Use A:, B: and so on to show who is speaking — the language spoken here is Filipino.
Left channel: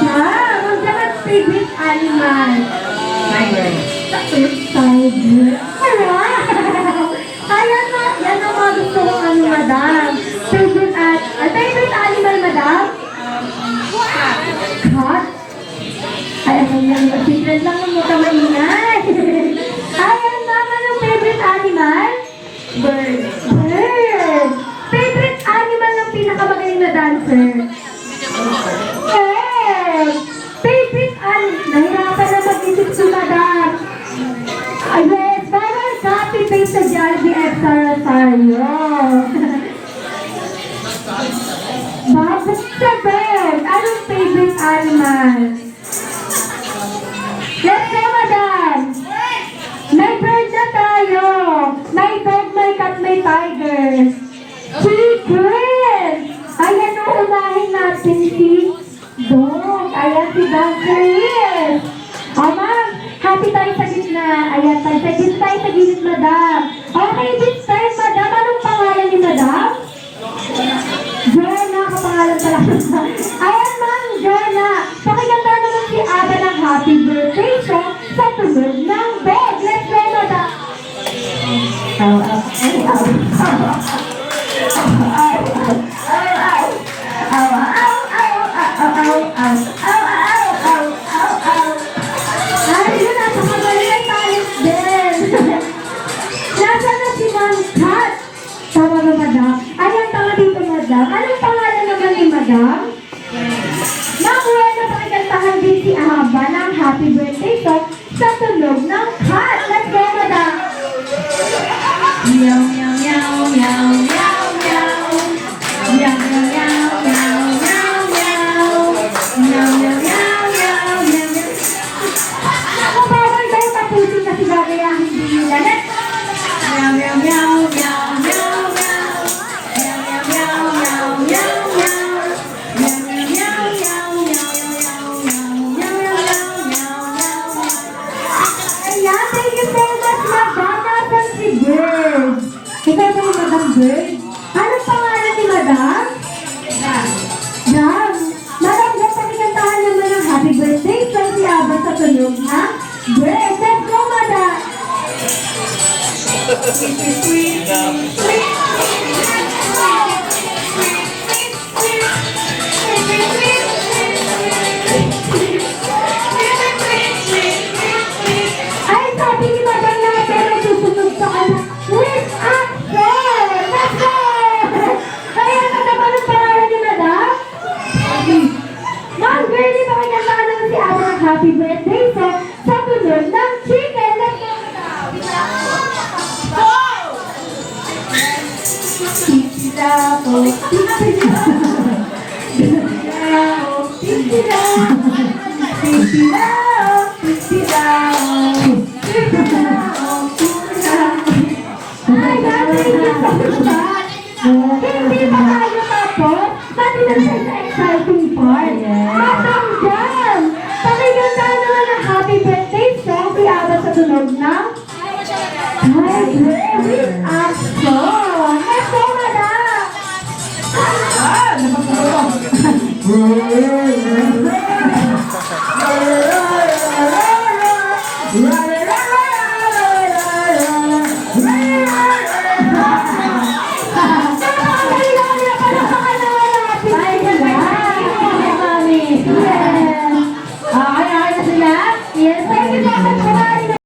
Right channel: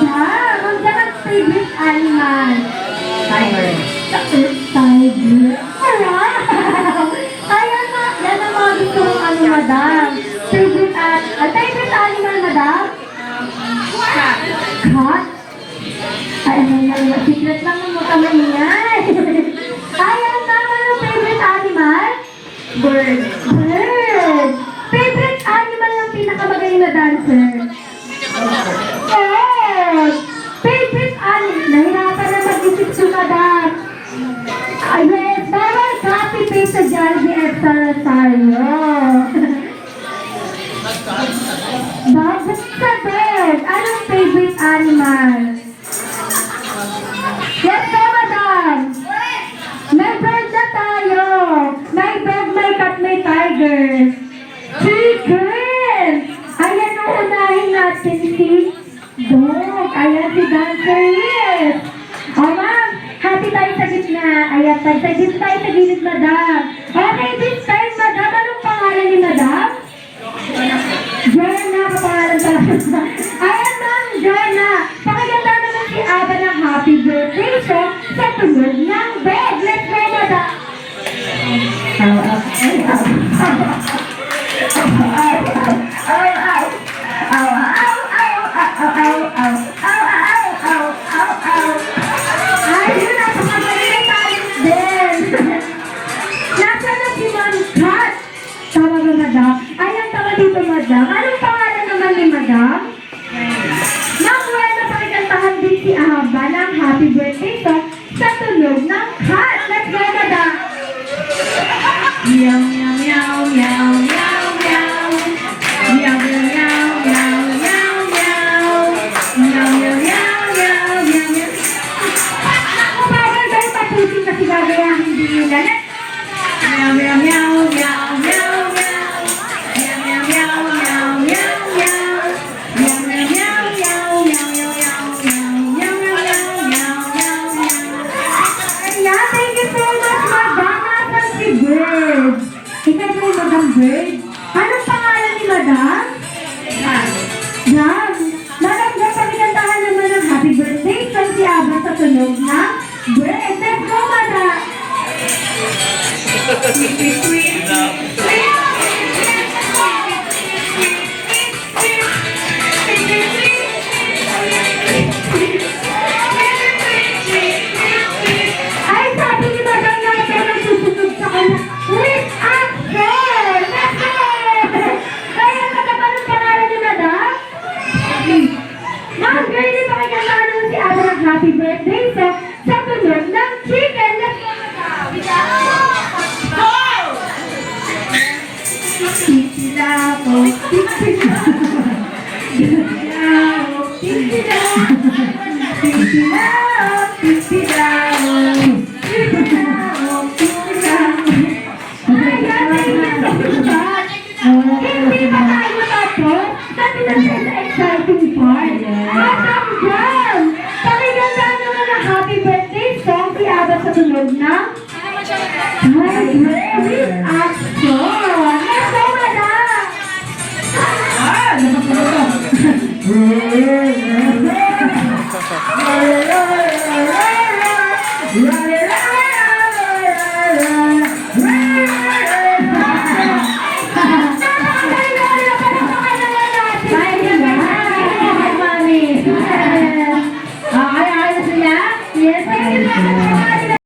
A: dyan. Huwag dapat favorite animal.
B: Tiger.
A: Tiger. Alright. Ayan na, yan ang mga gusto ano, at, uh, animal, madam? Cat. Cat? Ano yan, secret lang yung mukha maingay. Ayan na, ano favorite animal? Bird. Bird. Favorite animal ng pinakamagaling na dancer? Yes! O oh, ma'am, happy tayo sa gitna. Ayan, tayo sa gitna tayo sa gilid, madam. Okay, this time, madam, anong pangalan ni madam? Jana, kapangalan pala. Ayan, ma'am, Jana. Pakaganda naman si Aba ng happy birthday siya sa tuloy madam. Anong tawag dito, madam? Anong pangalan naman ni madam? bird? Ano pangalan ni Madam? Sunod na. Hybrid Action
B: Yeah.